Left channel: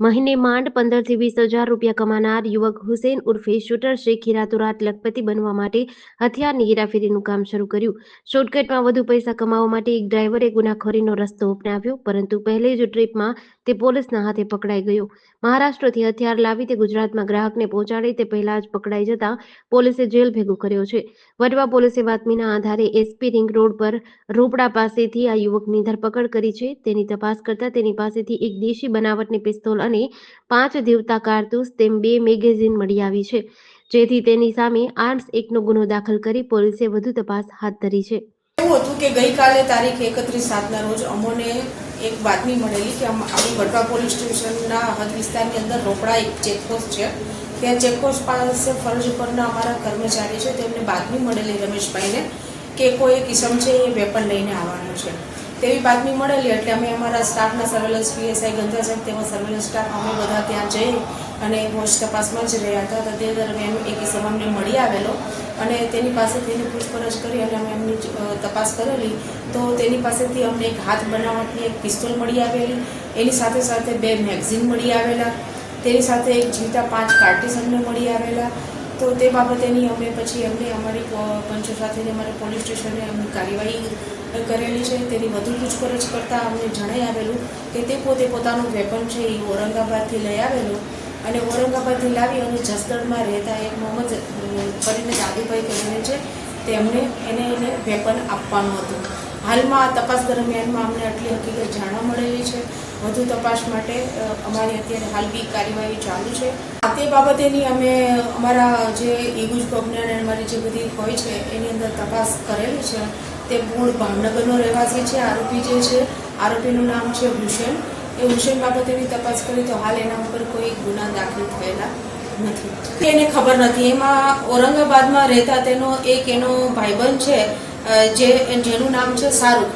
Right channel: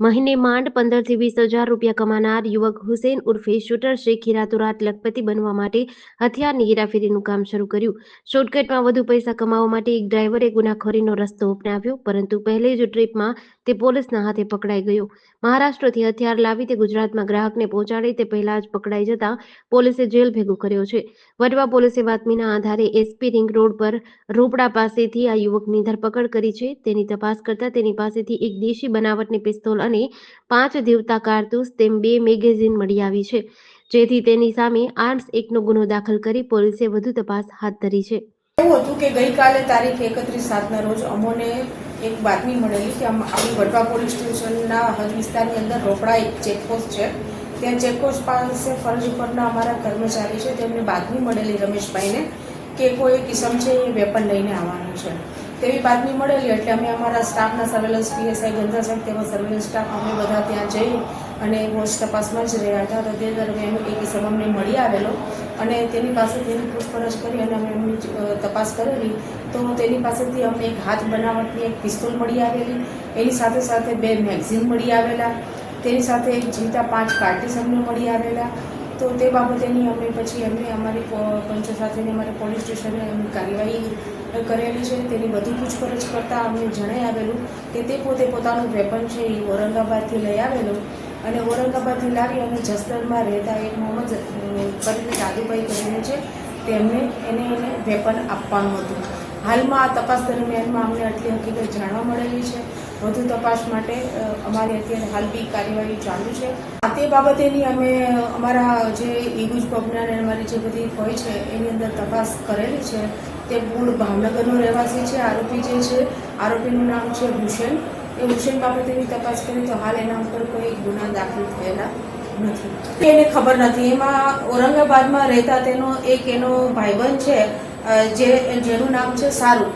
મહિને માંડ 15 થી 20 હજાર રૂપિયા કમાનાર યુવક હુસેન ઉર્ફે શૂટર શેખી રાતોરાત લખપતિ બનવા માટે હથિયારની હેરાફેરીનું કામ શરૂ કર્યું. શોર્ટકટમાં વધુ પૈસા કમાવવા માટે એક ડ્રાઈવરે ગુનાખોરીનો રસ્તો અપનાવ્યો, પરંતુ પહેલી જ ટ્રીપમાં તે પોલીસના હાથે પકડાઈ ગયો. મહારાષ્ટ્રથી હથિયાર લાવી તે ગુજરાતમાં ગ્રાહકને પહોંચાડે તે પહેલા જ પકડાઈ જતા પોલીસે જેલ ભેગો કર્યો છે. વડવા પોલીસે બાતમીના આધારે એસપી રિંગ રોડ પર રોપડા પાસેથી આ યુવકની ધરપકડ કરી છે. તેની તપાસ કરતા તેની પાસેથી એક દેશી બનાવટની પિસ્તોલ અને 5 દીવતા કારતૂસ તેમ 2 મેગેઝીન મળી આવી છે, જેથી તેની સામે આર્મ્સ એક્ટનો ગુનો દાખલ કરી પોલીસે વધુ તપાસ હાથ ધરી છે. એવું હતું કે ગઈકાલે તારીખ 31/7ના રોજ અમોને એક બાતમી મળેલી કે આપણી વડવા પોલીસ સ્ટેશનના હદ વિસ્તારની અંદર રોપડા એક ચેકપોસ્ટ છે. ત્યાં ચેકપોસ્ટ પાસે ફરજ ઉપરના અમારા કર્મચારી છે તેમને બાતમી મળેલી રમેશભાઈને કે કોઈ એક ઇસમ છે એ વેપન લઈને આવવાનો છે. તેવી બાતમી મળેલી એટલે અમે અમારા સ્ટાફના સર્વેલન્સ પીએસઆઈ ગંધા સાહેબ તેમાં સર્વેલન્સ સ્ટાફ અમે બધા ત્યાં જઈ અને વોચ તપાસમાં જ રહ્યા હતા. તે દરમિયાન એક ઇસમ અમને મળી આવેલો અને તેની પાસેથી એની પૂછપરછ કરી અને અમે એમની તપાસ કરેલી તો તેની પાસેથી અમને એક હાથ બનાવટની એક પિસ્તોલ મળી આવેલી, એની સાથે સાથે 2 મેગઝીન મળી આવેલા, તેની સાથે એક જીવતા 5 કાર્ટીસ અમને મળી આવેલા. તો તે બાબતેની અમે પછી અમારી પંચો સાથેની અમારી પોલીસ સ્ટેશને અમની કાર્યવાહી કરેલી છે. તેની વધુ પૂછપરછ કરતાં અમને જણાઈ આવેલું કે તે પોતે પોતાનું વેપન છે એ ઔરંગાબાદથી લઈ આવેલો અને ઔરંગાબાદથી લાવી અને જસદણમાં રહેતા એક મોહમ્મદ કરીને દાદુભાઈ કરીને છે તેમને એને વેપન આપવાનું હતું. હાલમાં તપાસ દરમિયાનમાં અમને આટલી હકીકત જાણવા મળેલી છે. વધુ તપાસ માટે અમારી અત્યારે હાલ બી કાર્યવાહી ચાલુ છે. તે બાબતેની અમે અમારા જે ઈગુજ પ્રોગ્રામ અને અમારી જે બધી હોય છે એની અંદર તપાસ કરેલી છે. તે મૂળ ભાવનગરનો રહેવાસી છે. આરોપી જે છે આરોપીનું નામ છે હુસેન. એ હુસેન બાબતેની તપાસ કરી તો હાલ એના ઉપર કોઈ ગુના દાખલ થયેલા નથી. એને ખબર નથી. એમાં ઔરંગાબાદમાં રહેતા એનો ભાઈબંધ છે જેનું નામ છે શાહરૂખ.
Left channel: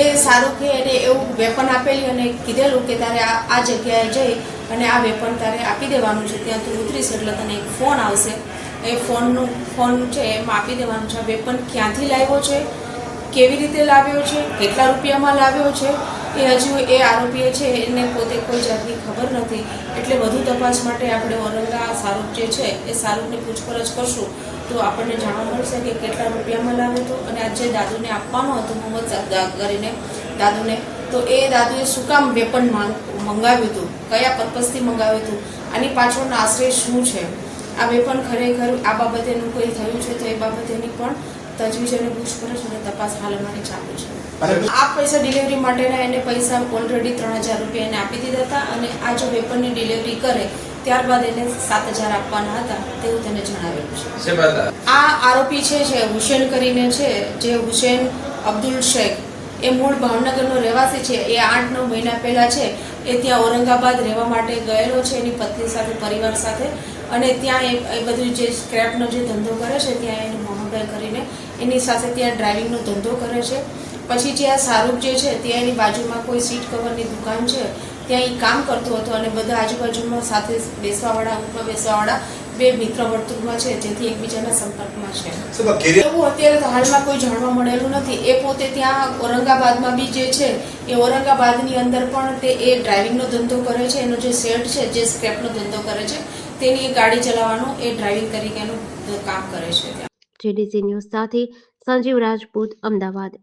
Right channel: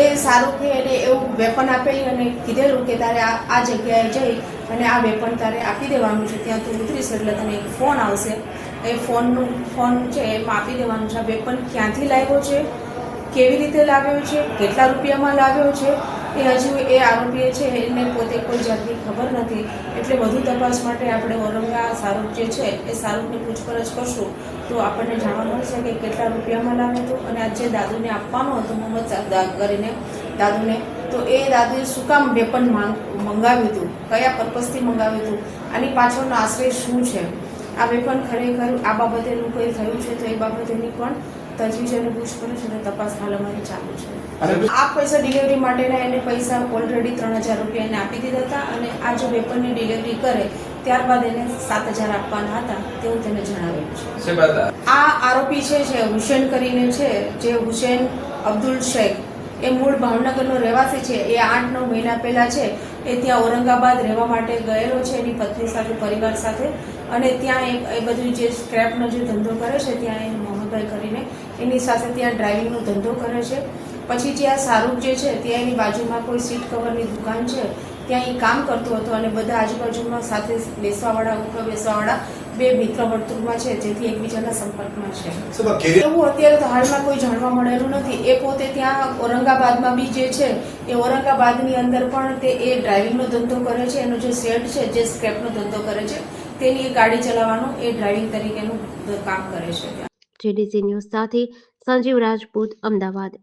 એ શાહરૂખે એને એવું વેપન આપેલી અને કીધેલું કે તારે આ જગ્યાએ જઈ અને આ વેપન તારે આપી દેવાનું છે. ત્યાં તું ઉતરીશ એટલે તને એક ફોન આવશે. એ ફોન છે એમાં આપી દેવાનું છે. આ વેપન ક્યાંથી લાવ્યો છે, કેવી રીતે લાવ્યો છે, કેટલા રૂપિયામાં લાવ્યો છે એ હજુ એ આરોપીએ છે એને પોતે કોઈ જાતની ખબર નથી. એટલે વધુ તપાસ માટે આપણે શાહરૂખ જે છે એ શાહરૂખની પૂછપરછ કરશું તો આપણને જાણવા મળશે કે કેટલા રૂપિયામાં લાવ્યો હતો અને આ જે દાદુને આપવાનું હતું મોહમ્મદ કરીને દાદુને, તો એ દાદુએ શું કામ વેપન મંગાવ્યું હતું, કયા પર્પઝથી મંગાવ્યું હતું, આની પાછળનો આશ્રય શું છે, આ વેપન ખરેખર આ બાબતેનું કોઈ થયું છે તો એ બાબતેની પણ તજવીજ અને પૂછપરછ અને તપાસ હાલ અમારી ચાલુ છે. આ પૈસા ડિલિવરી માટેના એને પૈસા ઓલરેડી 3000 રૂપિયા એને આપી દીધા હતા અને આ જો વેપનની ડિલિવરી કરે ત્યારબાદ એને 7000 આપવાના હતા તેવું તેને જણાવેલું છે. આ આરોપી છે હુસેન કરીને છે, જે હુસેન અબ્દુલ શેખ, એ મૂળ ભાવનગરનો રહેવાસી છે. એ 8-9 મહિના પહેલાં છે એ ત્યાં ઔરંગાબાદ રહેવા માટે ગયેલો છે એની પત્ની સાથે, પરિવાર સાથે. અને ત્યાં એ બધું જે સ્ક્રેપનો જે ધંધો કરે છે ત્યાં એનું મોહમ્મદભાઈ કરીને એની સાથે ત્યાં ડ્રાઇવિંગનો ધંધો કરે છે. પછી જે આ શાહરૂખ જે છે ત્યાં એની બાજુમાં કોઈ સીટ કવરની દુકાન છે ત્યાં એ કામ કરતો હતો અને બધા આજુબાજુમાં સાથે બેસવાવાળા ઉપર બેસવાવાળા 2 મિત્ર વર્તુળમાં છે જેથી એકબીજાના સંપર્કમાં છે. એવું અત્યારે તો હાલમાં કોઈ જાણવા મળેલું નથી. એ પોતે ત્યાં ઔરંગાબાદમાં બી જે છે એ ઔરંગાબાદની અંદર પણ એ ડ્રાઇવિંગનો ધંધો કરે છે. એનો જે શેડ છે જે સ્ક્રેપનો ધંધો કરે છે તેની એ ગાડી ચલાવવાનું એ ડ્રાઇવિંગ તરીકેનું કામ કરે છે. જેડીસી ન્યૂઝ સાથે સંજીવ રાજપૂત, અમદાવાદ.